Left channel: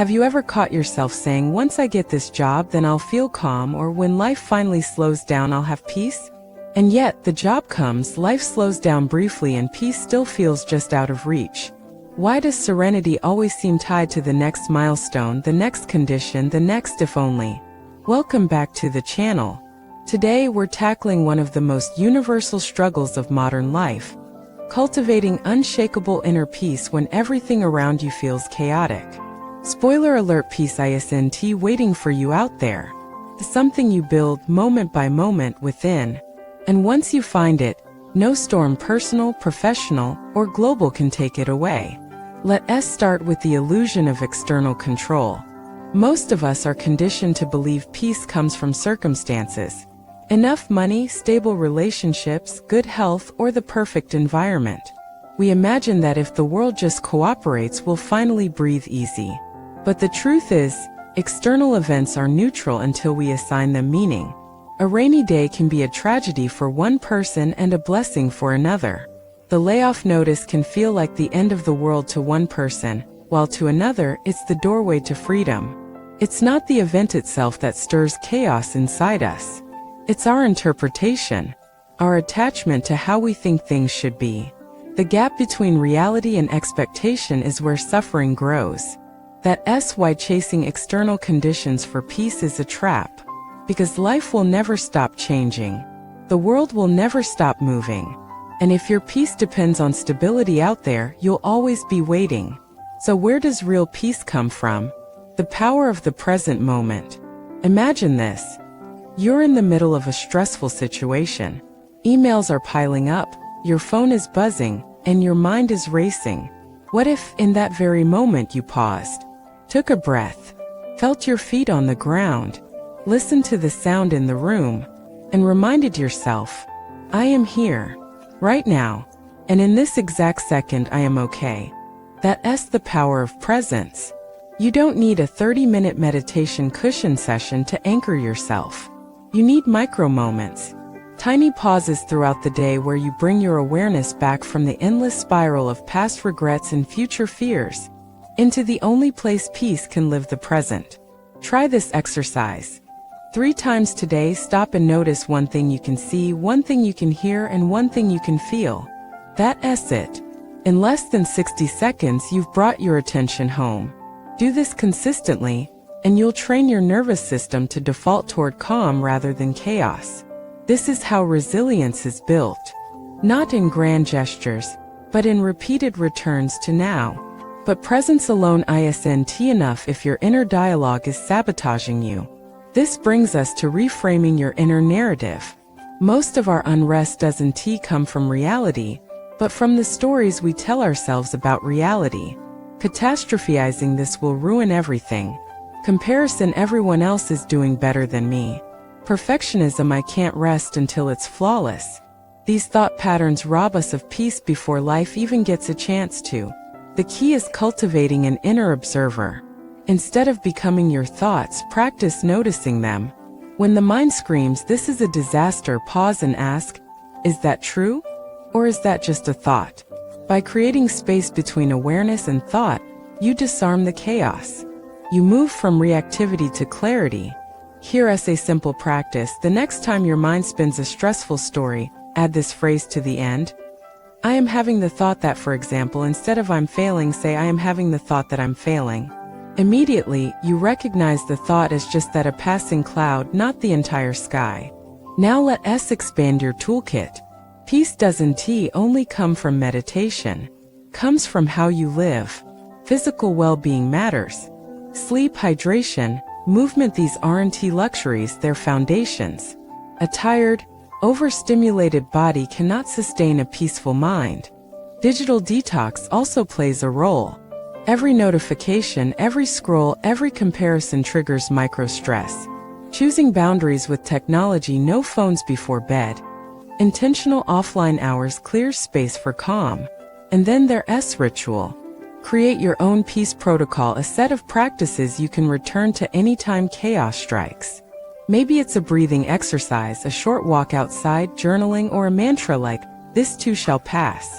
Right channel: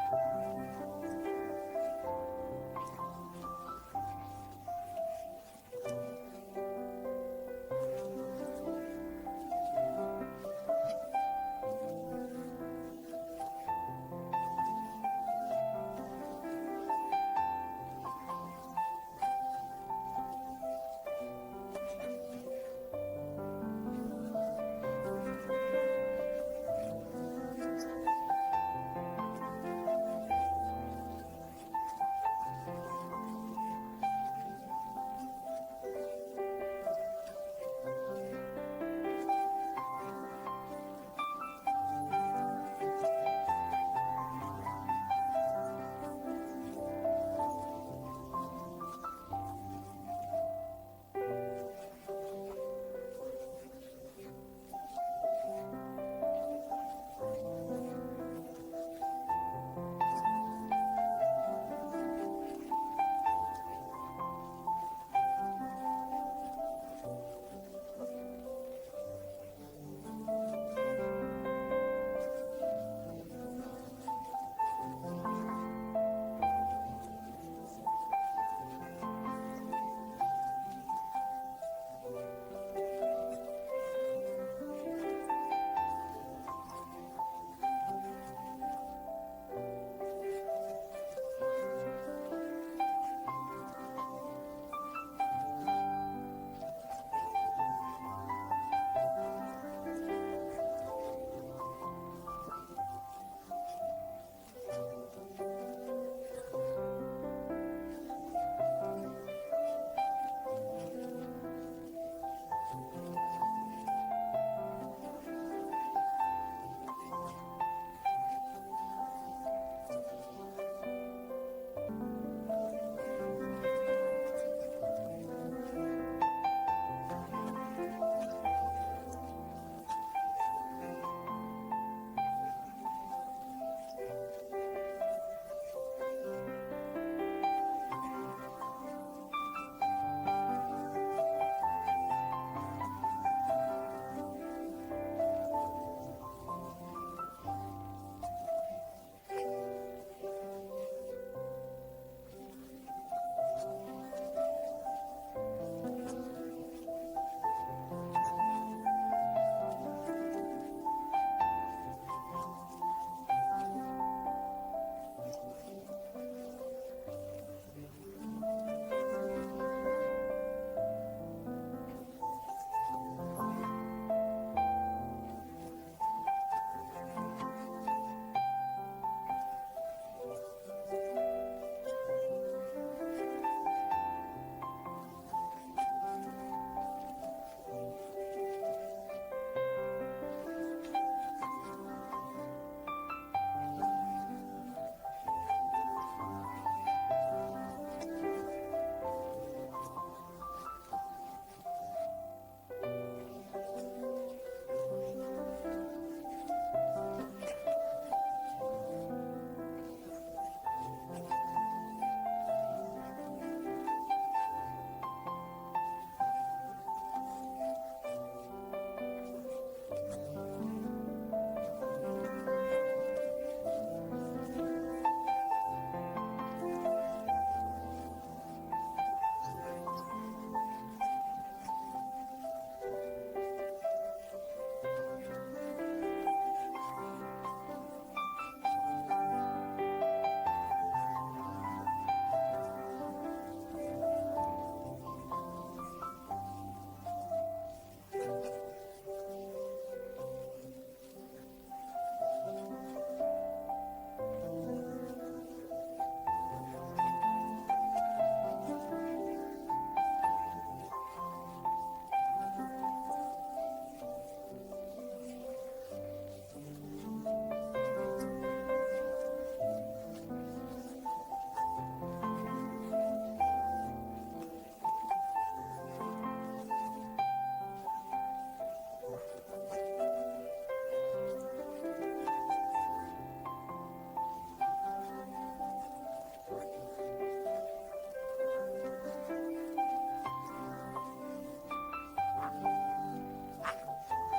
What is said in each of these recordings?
Have you ever caught yourself saying, once I get this job, then I'll feel calm, or when life finally slows down, I'll have peace? And yet, the job comes, life slows down briefly, and peace still feels just out of reach. Why does serenity always seem tied to the next milestone, the next condition, the next if only? Welcome back to the channel. Today we're tackling one of the most universal struggles of modern life: cultivating unshakable inner peace when everything around you feels chaotic. Spoiler alert, peace isn't waiting for you out there. It's something you build moment by moment within. And once you find it, no storm, personal, professional, or global, can take it away. Let us start with the illusion of external control. Most of us are conditioned to believe peace comes from circumstances. Enough money, stable relationships, good health, or the perfect environment. We imagine that if the world just cooperates, we'll finally breathe easy. But the truth is, external events are neutral until we assign them meaning. A rainy day can be a tragedy for one person and a blessing for another. The layoff notice can feel like the end of the world to one person, while to another, it's the doorway to freedom. It's not the event itself that stirs chaos inside us. It's our interpretation, our attachment to how we think things should be. The gap between reality and expectation is where suffering grows. That's why chasing external conditions for peace is a trap. Because life will never stop changing. The world will never stop moving. And if your peace depends on stability out there, you'll always be waiting. So where does real peace come from? The power of the present moment. Imagine this. You're in the middle of a stressful situation. Emails are piling up, your phone is buzzing, and your mind is racing. What if, in that very moment, you paused, took a breath, felt your feet on the ground, listened to the sound in the room, and reminded yourself, I am here, right now, and in this exact second I am okay. That's the power of presence. You don't need a 30-minute meditation cushion session to anchor yourself. You need micro moments, tiny pauses throughout the day where you bring your awareness back from the endless spiral of past regrets and future fears into the only place peace can live, the present. Try this exercise. 3 times today, stop and notice one thing you can see, one thing you can hear, and one thing you can feel. That's it. In less than 60 seconds, you've brought your attention home. Do this consistently, and you'll train your nervous system to default toward calm rather than chaos. This is how resilience is built. Not in grand gestures, but in repeated returns to now. But presence alone isn't enough if your inner dialogue is sabotaging you. This brings us to reframing your inner narrative. Most of our unrest doesn't come from reality, but from the stories we tell ourselves about reality. Catastrophizing this will ruin everything. Comparison, everyone else is doing better than me. Perfectionism, I can't rest until it's flawless. These thought patterns rob us of peace before life even gets a chance to. The key is cultivating an inner observer. Instead of becoming your thoughts, practice noticing them. When the mind screams, "This is a disaster," pause and ask, is that true? Or is that just a thought? By creating space between awareness and thought, you disarm the chaos. You move from reactivity to clarity. Here's a simple practice. The next time your mind spins a stressful story, add this phrase to the end. I am having the thought that, for example, instead of I'm failing, say I am having the thought that I'm failing. Immediately, you recognize the thought as just that, a passing cloud, not the entire sky. Now let us expand your toolkit. Peace doesn't only come from meditation. Comes from how you live. Physical well-being matters. Sleep, hydration, movement, these aren't luxuries, they're foundations. A tired, overstimulated body cannot sustain a peaceful mind. Digital detox also plays a role. Every notification, every scroll, every comparison triggers micro-stress. Choosing boundaries with technology: no phones before bed. Intentional offline hours clears space for calm. And then there's ritual. Create your own peace protocol, a set of practices you can return to anytime chaos strikes. Maybe it's a breathing exercise, a short walk outside, journaling, or a mantra like, "This too shall pass."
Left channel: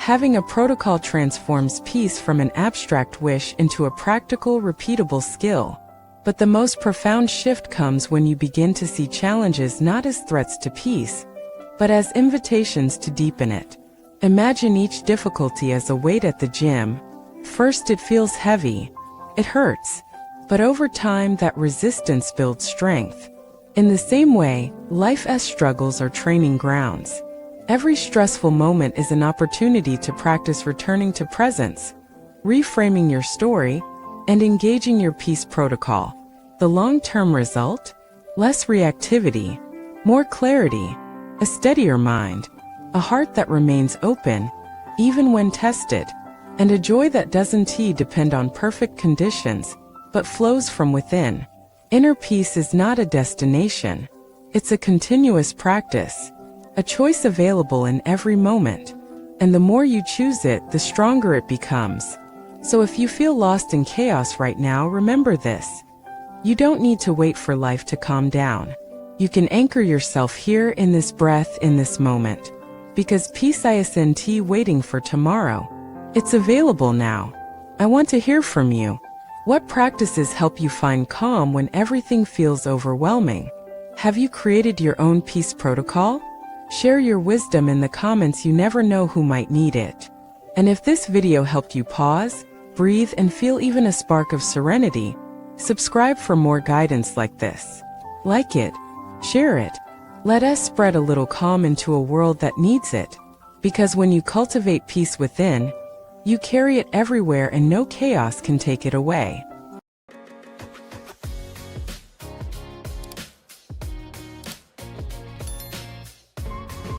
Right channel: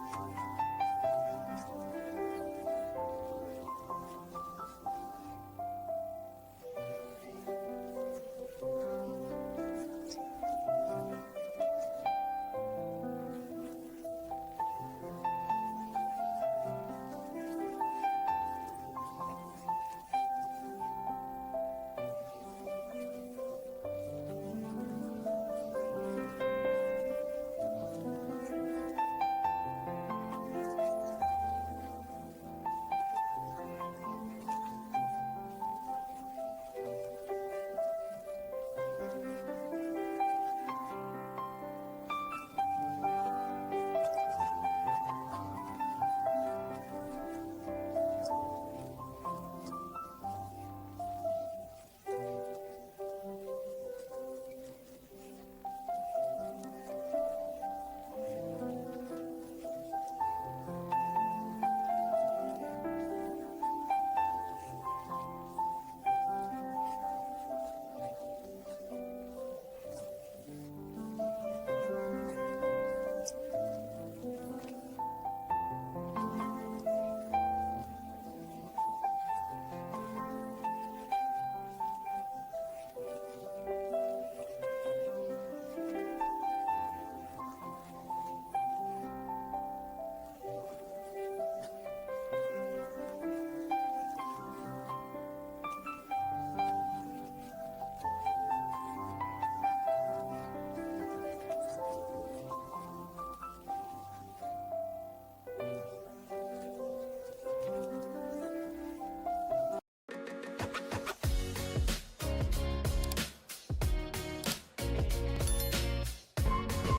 Having a protocol transforms peace from an abstract wish into a practical, repeatable skill. But the most profound shift comes when you begin to see challenges not as threats to peace, but as invitations to deepen it. Imagine each difficulty as a weight at the gym. First it feels heavy, it hurts, but over time that resistance builds strength. In the same way, life's struggles are training grounds. Every stressful moment is an opportunity to practice returning to presence, reframing your story, and engaging your peace protocol. The long-term result? Less reactivity, more clarity, a steadier mind, a heart that remains open, even when tested, and a joy that doesn't depend on perfect conditions, but flows from within. Inner peace is not a destination. It's a continuous practice, a choice available in every moment. And the more you choose it, the stronger it becomes. So if you feel lost in chaos right now, remember this. You don't need to wait for life to calm down. You can anchor yourself here in this breath, in this moment. Because peace isn't waiting for tomorrow. It's available now. I want to hear from you. What practices help you find calm when everything feels overwhelming? Have you created your own peace protocol? Share your wisdom in the comments. You never know who might need it. And if this video helped you pause, breathe, and feel even a spark of serenity, subscribe for more guidance like this. Like it, share it. Let us spread a little calm into a world that needs it. Because when you cultivate peace within, you carry it everywhere and no chaos can take it away.